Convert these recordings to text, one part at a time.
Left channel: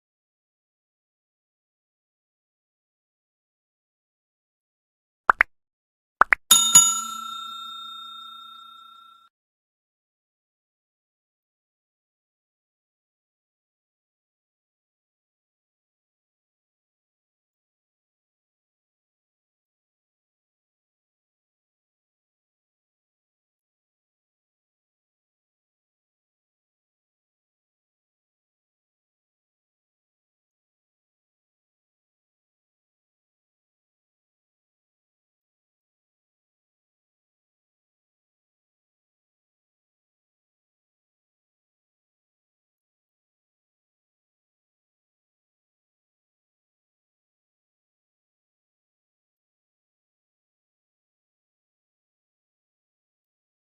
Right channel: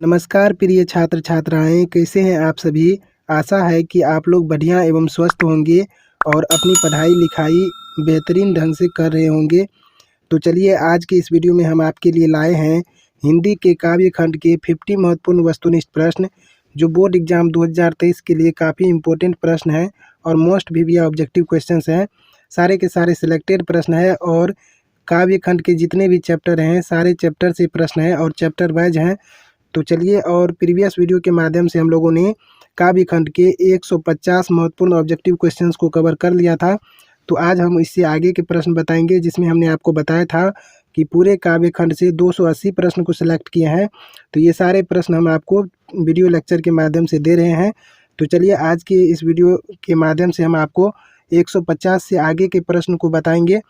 नमस्कार प्रिय छात्र छात्राएं, कैसे हैं आप सभी। आशा है कि आप लोग बढ़िया एवं स्वस्थ होंगे और अपनी पढ़ाई लिखाई बेहतरीन ढंग से कर रहे होंगे। तो चलिए आज के इस वीडियो में हम आपके लिए लाए हैं हिंदी के काव्य खंड के 50 महत्वपूर्ण वस्तुनिष्ठ प्रश्न, जो बोर्ड एग्जाम 2023 के लिए काफ़ी इम्पोर्टेंट प्रश्न हैं और मोस्ट भी ऑब्जेक्टिव क्वेश्चंस हैं। सारे के सारे सिलेक्टेड प्रश्न हैं और काव्य खंड के जितने भी चैप्टर हैं सारे चैप्टर से प्रश्न हैं और चैप्टर वाइज हैं। तो चलिए, और प्रीवियस वीडियो के माध्यम से हम लोगों ने काव्य खंड के 150 महत्वपूर्ण ऑब्जेक्टिव क्वेश्चंस को कवर कर लिया था। तो आज हम इससे आगे के प्रश्न बताएंगे, जिसमें हमने आपको बताया था कि पूरे काव्य खंड से 280 प्रश्न को सिलेक्ट किए हैं। तो ये सारे प्रश्न हम आपको वीडियो लेक्चर के माध्यम से दे रहे हैं। तो चलिए आज के इस वीडियो के माध्यम से हम आपको 150 से आगे के प्रश्न को बताएंगे।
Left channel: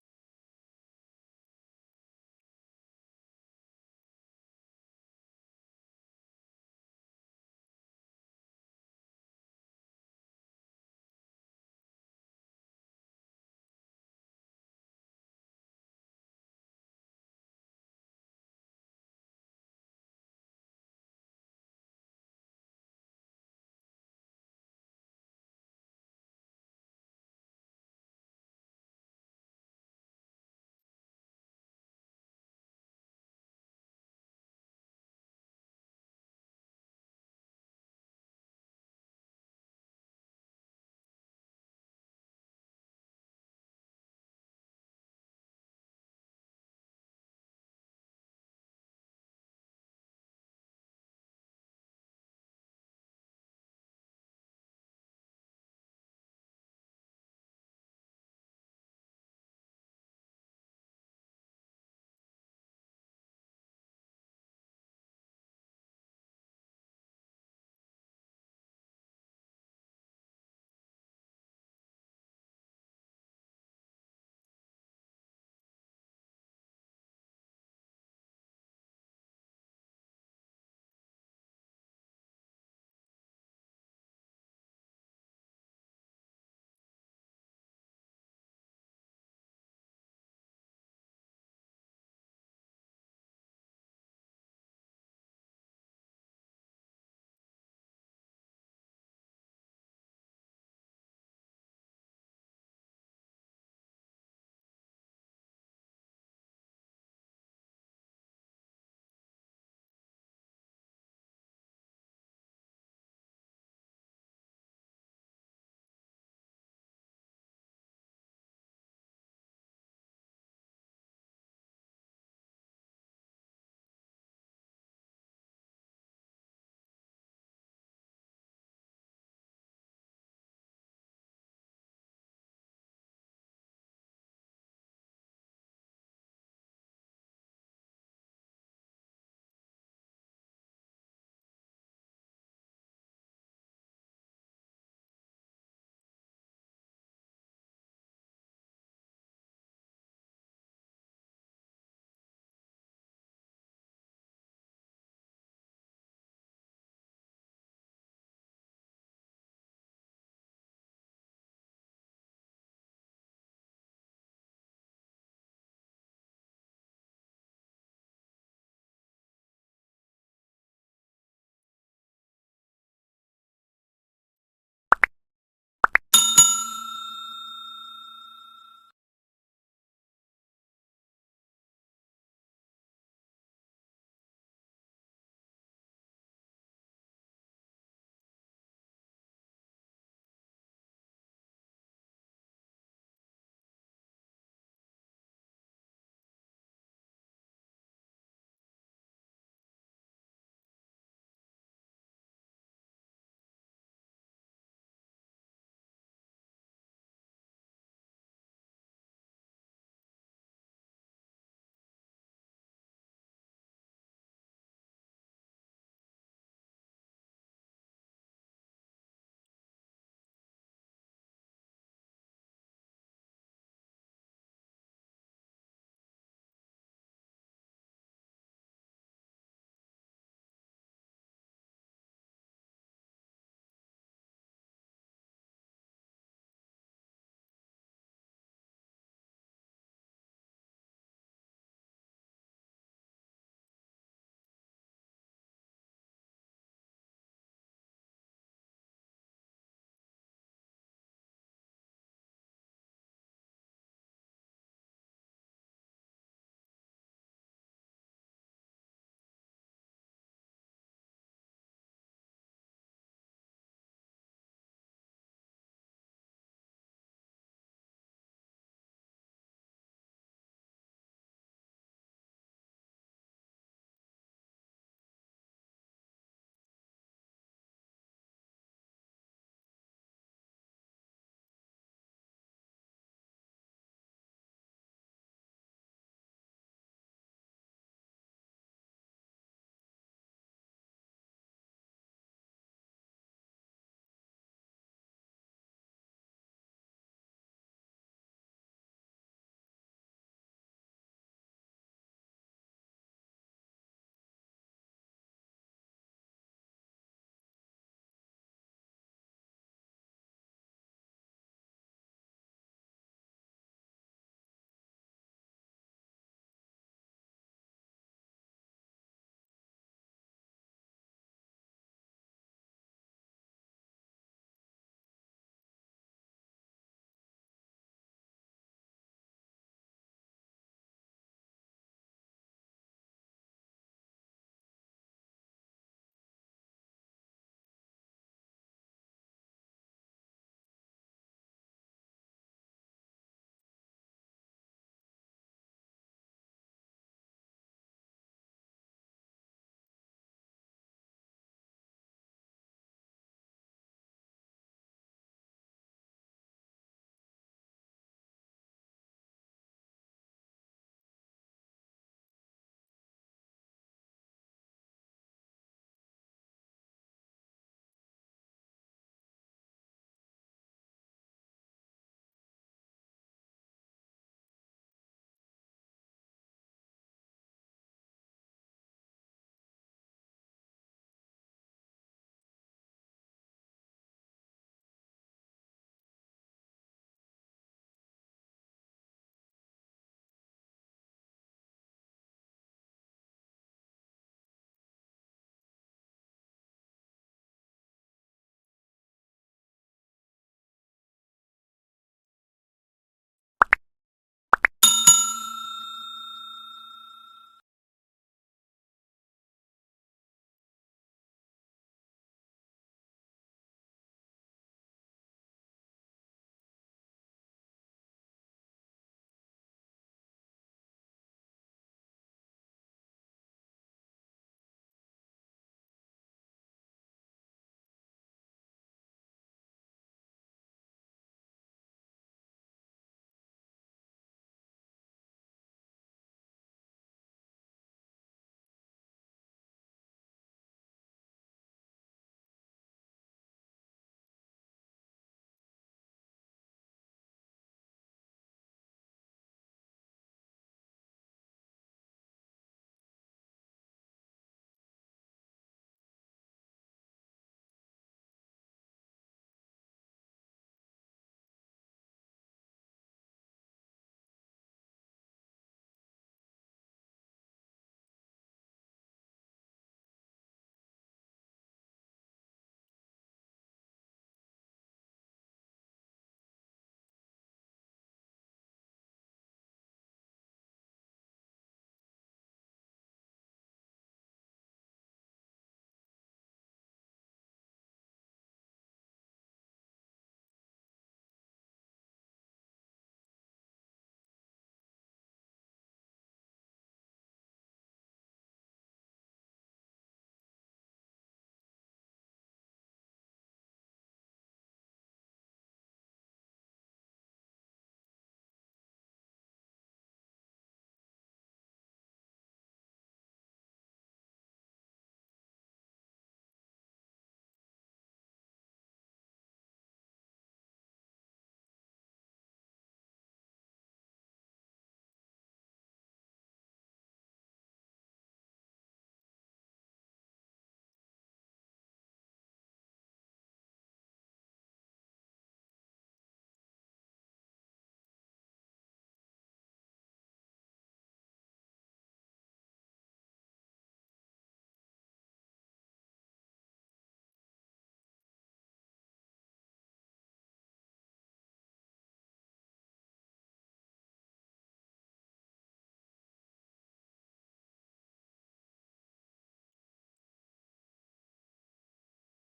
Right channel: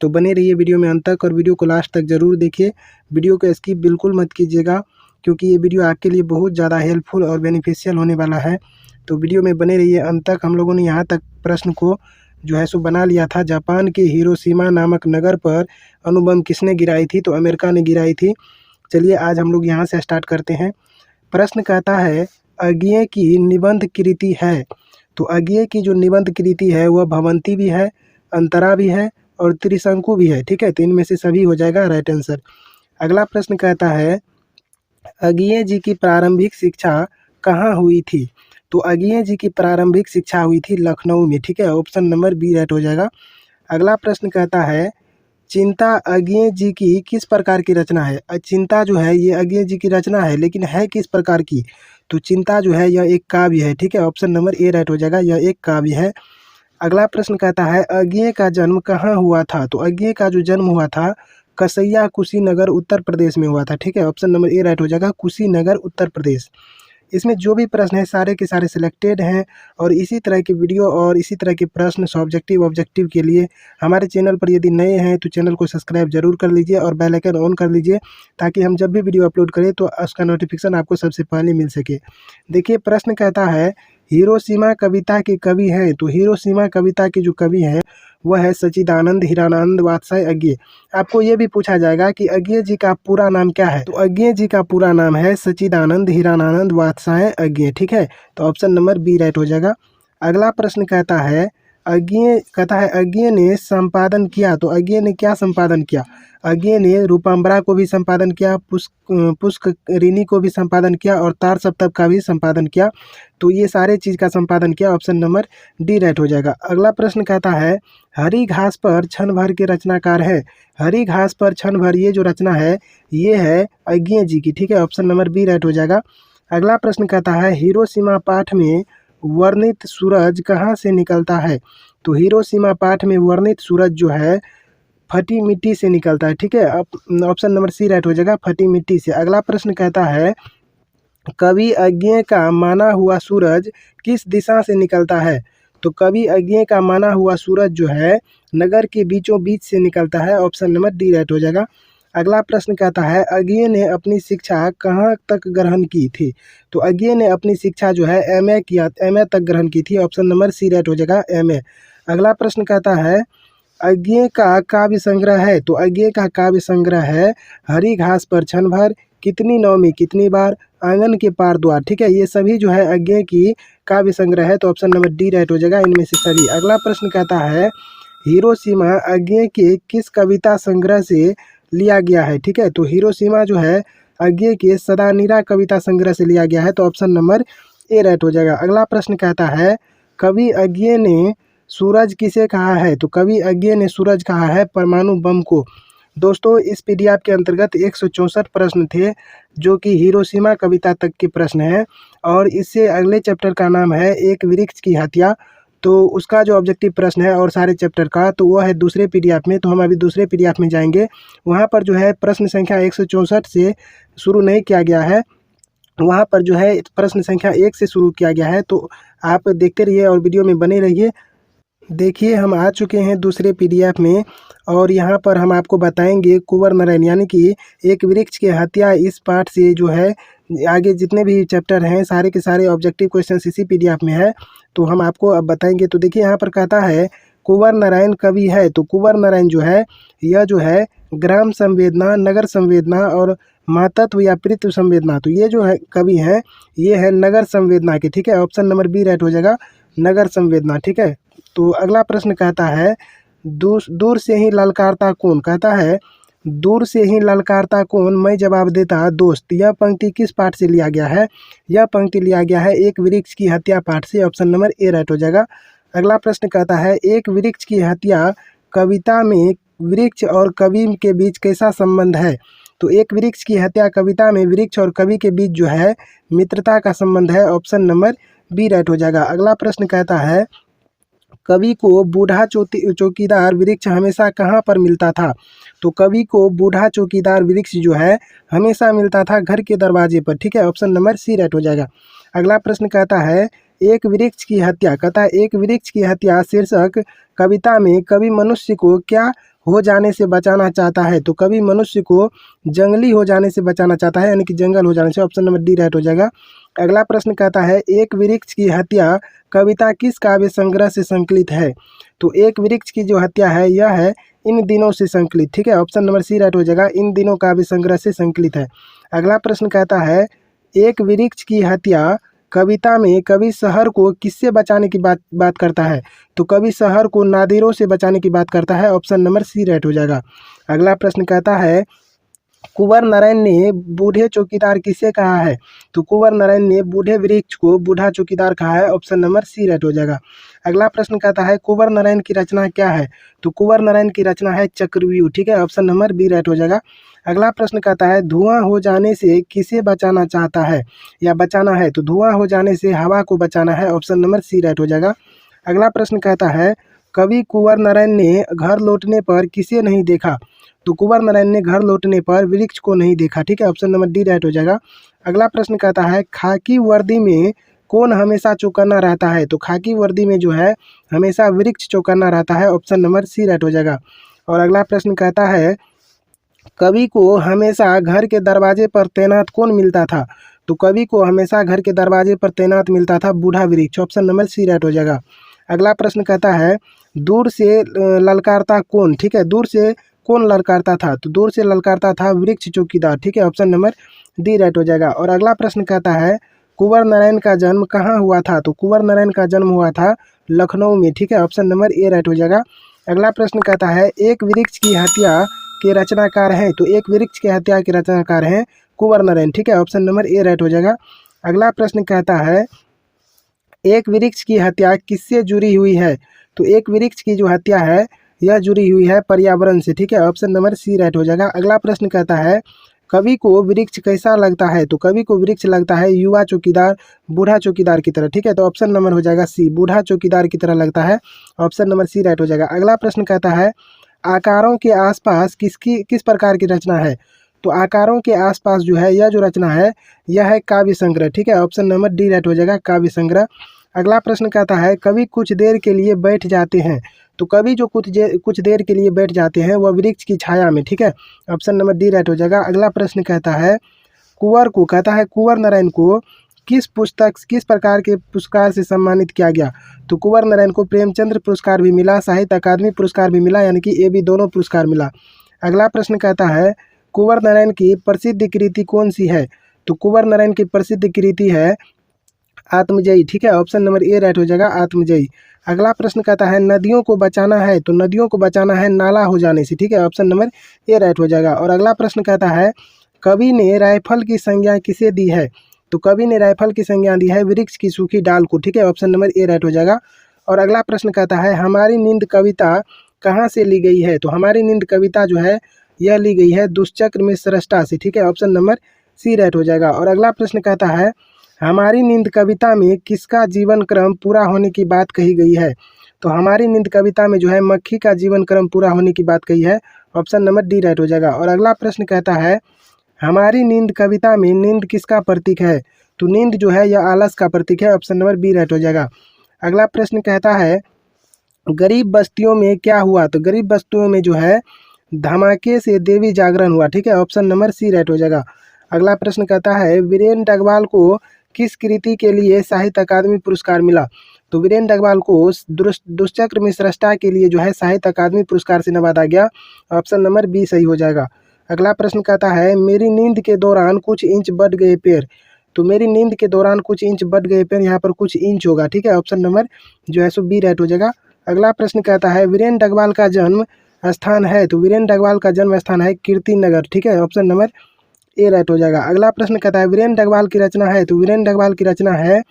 तो बने रहिए वीडियो में अंत तक और वीडियो को लास्ट तक ज़रूर देखिए। वीडियो को स्किप बिल्कुल मत कीजिएगा, क्योंकि ये वीडियो आपके लिए बहुत ज़्यादा हेल्पफुल और बेनिफिशियल होने वाला है। तो वीडियो में बने रहिए अंत तक। हम लोगों ने यहाँ तक प्रश्न को जो है सो बना लिया था। जापान के हिरोशिमा नामक नगर पर अणुबम किसने गिराई थी? तो अमेरिका ने गिराई थी। चलिए आज हम लोग यहाँ से स्टार्ट करते हैं। प्रश्न कहता है, अज्ञेय की निबंध कृति है। तो अज्ञेय की जो निबंध कृति है वह भवंती भी है, अंतरा भी है और त्रिशंकु भी है। ठीक है, तो इनमें से सभी हो जाएगा राइट आंसर। अगला प्रश्न कहता है, अज्ञेय जी की प्रारंभिक शिक्षा कहाँ हुई थी? तो अज्ञेय जी की प्रारंभिक शिक्षा हुई थी लखनऊ में। ठीक है, ऑप्शन नंबर बी राइट हो जाएगा। अगला प्रश्न कहता है, चिंता अज्ञेय जी की किस प्रकार की रचना है? चिंता जो है ये अज्ञेय जी की रचना है, लेकिन है किस प्रकार की? तो चिंता जो है यह एक काव्य है। ठीक है, ऑप्शन नंबर ए राइट हो जाएगा, यह एक काव्य है। अगला प्रश्न कहता है, अज्ञेय का जन्म कहाँ हुआ था? तो अज्ञेय का जो जन्म हुआ था कसैया कुशीनगर उत्तर प्रदेश में हुआ था। ठीक है, ऑप्शन नंबर ए राइट हो जाएगा, कुशीनगर उत्तर प्रदेश। इसमें जो भी प्रश्न है सारे के सारे सिलेक्टेड हैं और इसी तरह की वीडियो और इसी तरह के प्रश्न सब्जेक्टिव ऑब्जेक्टिव के लिए हमारे चैनल पर यदि नए हैं तो चैनल को सब्सक्राइब जरूर कर लीजिए और बेल आइकन ऑन कर लीजिए, ताकि हम जब भी वीडियो अपलोड करें तो उसका नोटिफिकेशन आपको सबसे पहले मिल सके। देखिए प्रश्न कहता है, हिरोशिमा कविता के कवि हैं। तो हिरोशिमा कविता के जो कवि हैं वह है सच्चिदानंद हीरानंद वात्स्यायन अज्ञेय। आपको ये भी पूछा जाएगा कि अज्ञेय जी का पूरा नाम क्या है? तो अज्ञेय जी का पूरा नाम है सच्चिदानंद हीरानंद वात्स्यायन अज्ञेय। ठीक है, तो ऑप्शन नंबर बी राइट हो जाएगा। अगला प्रश्न कहता है, अज्ञेय ने संपादन किया। तो अज्ञेय ने क्या संपादन किया? अज्ञेय ने रूपम्बरा को भी संपादन किया, पुष्करिणी को भी संपादन किया और तार सप्तक का भी संपादन किया। तो ये सारे चीज़ का संपादन किया, ऑप्शन नंबर डी राइट हो जाएगा। अगला प्रश्न कहता है, हरी घास पर क्षण भर के रचनाकार है। हरी घास पर क्षण भर ये जो रचना है ये है अज्ञेय जी की। ठीक है, ऑप्शन नंबर बी राइट हो जाएगा। अगला प्रश्न कहता है, हिरोशिमा पाठ में वर्णित सूरज कहाँ से निकलता है? तो हिरोशिमा पाठ में वर्णित सूरज जो है फटी मिट्टी से निकलता है। ठीक है, ऑप्शन नंबर सी राइट हो जाएगा, फटी मिट्टी से। अगला प्रश्न कहता है, कवि अज्ञेय का माना हुआ सूरज किस दिशा से निकलता है? तो कवि अज्ञेय का माना हुआ सूरज जो है नगर के बीचों बीच से निकलता है, ऑप्शन नंबर डी राइट हो जाएगा। अगला प्रश्न कहता है, अज्ञेय ने अपनी शिक्षा कहाँ तक ग्रहण की थी? तो अज्ञेय ने अपनी शिक्षा जो है एमए तक ग्रहण की थी, ऑप्शन नंबर सी राइट हो जाएगा, एमए। अगला प्रश्न कहता है, अज्ञेय का काव्य संग्रह है। तो अज्ञेय का काव्य संग्रह है हरी घास पर क्षण भर, कितनी नौमी कितनी बार, आंगन के पार द्वार। ठीक है, ये सभी जो है अज्ञेय की काव्य संग्रह है, तो ऑप्शन नंबर डी राइट हो जाएगा, इनमें से सभी। अगला प्रश्न कहता है, हिरोशिमा अज्ञेय के किस कविता संग्रह से लिया गया है? ठीक है, तो हिरोशिमा जो है अज्ञेय के सदानीरा कविता संग्रह से लिया गया है, तो ऑप्शन नंबर ए राइट हो जाएगा। अगला प्रश्न कहता है, कवि अज्ञेय ने सूरज किसे कहा है? तो कवि अज्ञेय ने सूरज कहा है परमाणु बम को। दोस्तों इस पीडीएफ के अंतर्गत 164 प्रश्न थे, जो कि हिरोशिमा कविता तक के प्रश्न हैं और इससे अगले चैप्टर का नाम है एक वृक्ष की हत्या। तो उसका जो ऑब्जेक्टिव प्रश्न है और सारे चैप्टर का, तो वो है दूसरे पीडीएफ में। तो हम अभी दूसरे पीडीएफ में जाएंगे, वहाँ पर जो है प्रश्न संख्या 164 से शुरू नहीं किया गया है, वहाँ पर जो है प्रश्न संख्या 1 से शुरू किया गया है। तो आप देखते रहिए और वीडियो में बने रहिए। देखिए हम आ चुके हैं दूसरे पीडीएफ में और यहाँ पर हम आपको बताएंगे कुंवर नारायण यानी कि एक वृक्ष की हत्या। इस पाठ से जो है आगे जितने भी चैप्टर हैं सारे के सारे ऑब्जेक्टिव क्वेश्चंस इसी पीडीएफ में है, तो हम आपको अब बताएंगे। तो देखिए यहाँ पर कहता है, कुंवर नारायण कवि है। तो कुंवर नारायण जो है यह जो है ग्राम संवेदना, नगर संवेदना और मातत्व या पितृत्व संवेदना। तो ये जो है कवि हैं ये है नगर संवेदना के, ठीक है। ऑप्शन नंबर बी राइट हो जाएगा, नगर संवेदना, ठीक है। तो अगला प्रश्न कहता है दूर दूर से ही ललकारता कौन, कहता है दूर से ही ललकारता कौन, मैं जवाब देता दोस्त। यह पंक्ति किस पाठ से लिया गया है? यह पंक्ति लिया गया है एक वृक्ष की हत्या पाठ से। ऑप्शन नंबर ए राइट हो जाएगा। अगला प्रश्न कहता है एक वृक्ष की हत्या कविता में वृक्ष और कवि के बीच कैसा संबंध है? तो एक वृक्ष की हत्या कविता में वृक्ष और कवि के बीच जो है मित्रता का संबंध है। ऑप्शन नंबर बी राइट हो जाएगा। अगला प्रश्न कहता है कवि को बूढ़ा चौकीदार वृक्ष हमेशा कहाँ पर मिलता था? तो कवि को बूढ़ा चौकीदार वृक्ष जो है हमेशा मिलता था घर के दरवाजे पर, ठीक है। ऑप्शन नंबर सी राइट हो जाएगा। अगला प्रश्न कहता है एक वृक्ष की हत्या, कहता है एक वृक्ष की हत्या शीर्षक कविता में कवि मनुष्य को क्या हो जाने से बचाना चाहता है? तो कवि मनुष्य को जंगली हो जाने से बचाना चाहता है, यानी कि जंगल हो जाने से। ऑप्शन नंबर डी राइट हो जाएगा। अगला प्रश्न कहता है एक वृक्ष की हत्या कविता किस काव्य संग्रह से संकलित है? तो एक वृक्ष की जो हत्या है यह है इन दिनों से संकलित, ठीक है। ऑप्शन नंबर सी राइट हो जाएगा, इन दिनों काव्य संग्रह से संकलित है। अगला प्रश्न कहता है एक वृक्ष की हत्या कविता में कवि शहर को किससे बचाने की बात करता है? तो कवि शहर को नादिरों से बचाने की बात करता है। ऑप्शन नंबर सी राइट हो जाएगा। अगला प्रश्न कहता है कुंवर नारायण ने बूढ़े चौकीदार किसे कहा है? तो कुंवर नारायण ने बूढ़े वृक्ष को बूढ़ा चौकीदार कहा है। ऑप्शन नंबर सी राइट हो जाएगा। अगला प्रश्न कहता है कुंवर नारायण की रचना क्या है? तो कुंवर नारायण की रचना है चक्रव्यूह, ठीक है। ऑप्शन नंबर बी राइट हो जाएगा। अगला प्रश्न कहता है धुआं हो जाने से किसे बचाना चाहता है या बचाना है? तो धुआं हो जाने से हवा को बचाना है। ऑप्शन नंबर सी राइट हो जाएगा। अगला प्रश्न कहता है कवि कुंवर नारायण ने घर लौटने पर किसे नहीं देखा? तो कुंवर नारायण ने घर लौटने पर वृक्ष को नहीं देखा, ठीक है। ऑप्शन नंबर डी राइट हो जाएगा। अगला प्रश्न कहता है खाकी वर्दी में कौन हमेशा चौकन्ना रहता है? तो खाकी वर्दी में जो है हमेशा वृक्ष चौकन्ना रहता है। ऑप्शन नंबर सी राइट हो जाएगा। और अगला प्रश्न कहता है कवि को हमेशा घर के दरवाजे पर तैनात कौन मिलता था? तो कवि को हमेशा घर के दरवाजे पर तैनात मिलता था बूढ़ा वृक्ष। ऑप्शन नंबर सी राइट हो जाएगा। अगला प्रश्न कहता है दूर से ललकारता कौन, ठीक है। दूर से कौन ललकारता था? तो दूर से ललकारता था वृक्ष चौकीदार, ठीक है। ऑप्शन नंबर डी राइट हो जाएगा। और अगला प्रश्न कहता है कुंवर नारायण का जन्म कहाँ हुआ था? तो कुंवर नारायण का जन्म हुआ था लखनऊ में, ठीक है। ऑप्शन नंबर ए राइट हो जाएगा। अगला प्रश्न कहता है एक वृक्ष की हत्या के रचनाकार हैं? तो एक वृक्ष की हत्या के रचनाकार हैं कुंवर नारायण, ठीक है। ऑप्शन नंबर ए राइट हो जाएगा। अगला प्रश्न कहता है एक वृक्ष की हत्या किससे जुड़ी हुई है? तो एक वृक्ष की जो हत्या है यह जुड़ी हुई है पर्यावरण से, ठीक है। ऑप्शन नंबर सी राइट हो जाएगा। अगला प्रश्न कहता है कवि को वृक्ष कैसा लगता है? तो कवि को वृक्ष लगता है युवा चौकीदार बूढ़ा चौकीदार की तरह, ठीक है। तो ऑप्शन नंबर हो जाएगा सी, बूढ़ा चौकीदार की तरह लगता है। ऑप्शन नंबर सी राइट हो जाएगा। अगला प्रश्न कहता है आकारों के आसपास किस प्रकार की रचना है? तो आकारों के आसपास जो है यह जो रचना है यह है काव्य संग्रह, ठीक है। ऑप्शन नंबर डी राइट हो जाएगा, काव्य संग्रह। अगला प्रश्न कहता है कवि कुछ देर के लिए बैठ जाते हैं? तो कवि जो कुछ देर के लिए बैठ जाते हैं वह वृक्ष की छाया में, ठीक है। ऑप्शन नंबर डी राइट हो जाएगा। अगला प्रश्न कहता है कुंवर नारायण को किस प्रकार के पुरस्कार से सम्मानित किया गया? तो कुंवर नारायण को प्रेमचंद्र पुरस्कार भी मिला, साहित्य अकादमी पुरस्कार भी मिला, यानी कि ये भी दोनों पुरस्कार मिला। अगला प्रश्न कहता है कुंवर नारायण की प्रसिद्ध कृति कौन सी है? तो कुंवर नारायण की प्रसिद्ध कृति है आत्मजयी, ठीक है। ऑप्शन नंबर ए राइट हो जाएगा, आत्मजयी। अगला प्रश्न कहता है नदियों को बचाना है? तो नदियों को बचाना है नाला हो जाने से, ठीक है। ऑप्शन नंबर ए राइट हो जाएगा। और अगला प्रश्न कहता है कवि ने राइफल की संज्ञा किसे दी है? तो कवि ने राइफल की संज्ञा दी है वृक्ष की सूखी डाल को, ठीक है। ऑप्शन नंबर ए राइट हो जाएगा। और अगला प्रश्न कहता है हमारी नींद कविता कहाँ से ली गई है? तो हमारी नींद कविता जो है यह ली गई है दुष्चक्र में सृष्टा से, ठीक है। ऑप्शन नंबर सी राइट हो जाएगा। और अगला प्रश्न कहता है हमारी नींद कविता में किसका जीवन क्रम पूरा होने की बात कही गई है? तो हमारी नींद कविता में जो है मक्खी का जीवन क्रम पूरा होने की बात कही है। ऑप्शन नंबर डी राइट हो जाएगा। और अगला प्रश्न कहता है हमारी नींद कविता में नींद किसका प्रतीक है? तो नींद जो है यह आलस का प्रतीक है। ऑप्शन नंबर बी राइट हो जाएगा। अगला प्रश्न कहता है गरीब बस्तियों में क्या हुआ? तो गरीब बस्तियों में जो है धमाके से देवी जागरण हुआ, ठीक है। ऑप्शन नंबर सी राइट हो जाएगा। अगला प्रश्न कहता है वीरेन डगवाल को किस कृति के लिए साहित्य अकादमी पुरस्कार मिला? तो वीरेन डगवाल को दुष्चक्र में सृष्टा के लिए जो है साहित्य अकादमी पुरस्कार से नवाजा गया। ऑप्शन नंबर बी सही हो जाएगा। अगला प्रश्न कहता है मेरी नींद के दौरान कुछ इंच बढ़ गए पैर। तो मेरी नींद के दौरान कुछ इंच बढ़ गए पैर, यहाँ पर कुछ इंच होगा, ठीक है। ऑप्शन नंबर जो है सो बी राइट हो जाएगा। अगला प्रश्न कहता है वीरेंद्र डगवाल का जन्म स्थान है। तो वीरेंद्र डगवाल का जन्म स्थान है कीर्ति नगर, ठीक है। ऑप्शन नंबर ए राइट हो जाएगा। अगला प्रश्न कहता है वीरेंद्र डगवाल की रचना है। तो वीरेंद्र डगवाल की रचना है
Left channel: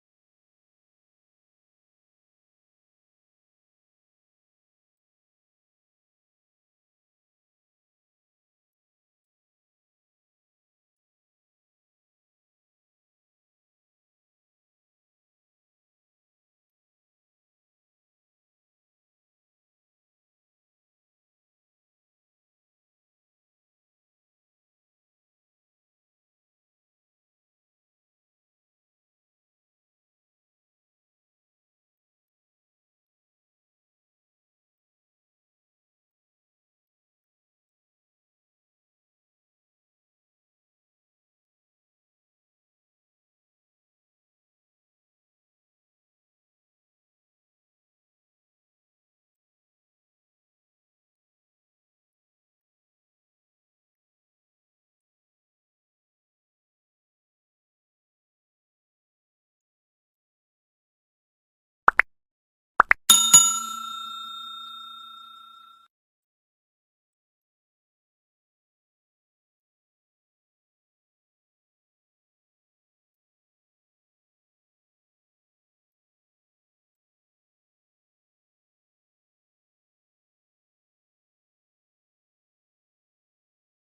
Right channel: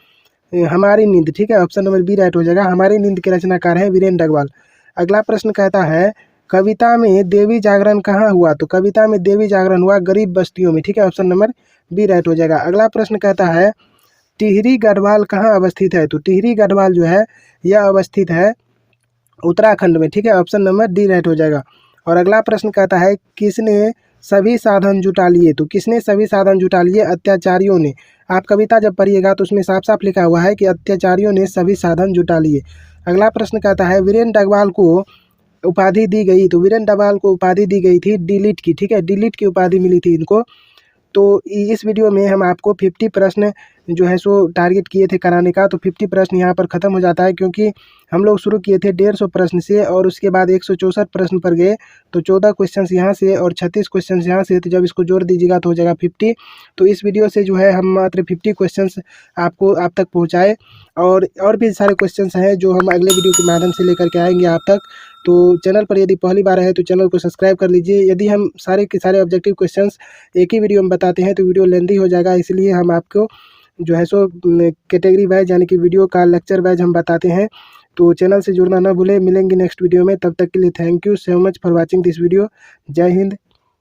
हमारी नींद, ठीक है। ऑप्शन नंबर बी राइट हो जाएगा। हमारी नींद के रचनाकार है वीरेंद्र डगवाल। अगला प्रश्न कहता है कविता में देवी जागरण कहाँ हुआ। तो कविता में देवी जागरण हुआ गरीब बस्तियों में, ठीक है। ऑप्शन नंबर बी राइट हो जाएगा। अगला प्रश्न कहता है टिहरी गढ़वाल कहाँ अवस्थित है। तो टिहरी गढ़वाल जो है यह अवस्थित है उत्तराखंड में, ठीक है। ऑप्शन नंबर डी राइट हो जाएगा। और अगला प्रश्न कहता है किसने सभी साधन जुटा लिए। तो किसने सभी साधन जुटा लिए, अत्याचारियों ने। आप कविता जब पढ़िएगा तो उसमें साफ साफ लिखा हुआ है कि अत्याचारियों ने सभी साधन जुटा लिए। अगला प्रश्न कहता है वीरेंद्र डगवाल को उपाधि दी गई। तो वीरेंद्र डगवाल को उपाधि दी गई थी डिलीट की, ठीक है। डिलीट की उपाधि मिली थी इनको। तो इस वीडियो में हम आपको 50 प्रश्न जो है सो टारगेट किए थे कराने का। तो 50 प्रश्न यहाँ पर ख़त्म हो जाता है, क्योंकि हम लोग शुरू किए थे 150 प्रश्न से और उसके बाद 164 प्रश्न पर गए। तो 14 क्वेश्चंस यहाँ से और 36 क्वेश्चंस यहाँ से, तो जब इसको जोड़ दीजिएगा तो हो जाएगा 50। तो इस वीडियो से जो है हम मात्र 50 क्वेश्चंस आप तक पहुँचाए, और भी सारे क्वेश्चंस हैं जो हम अगले वीडियो के माध्यम से लेकर के आएंगे आप तक। तो चैनल पर यदि पहली बार है तो चैनल को सब्सक्राइब कर लीजिए। यदि हम सारे के सारे ऑब्जेक्टिव क्वेश्चंस एक ही वीडियो में बताते हैं तो वीडियो लेंथी हो जाएगा, इसलिए हम आपको जो है सो कैटेगरी वाइज यानी कि वीडियो का लेक्चर वाइज हम बताते हैं। तो चैनल से जुड़ना ना भूलें। मिलेंगे नेक्स्ट वीडियो में, तब तक के लिए thank you so much for watching this video. जय हिंद।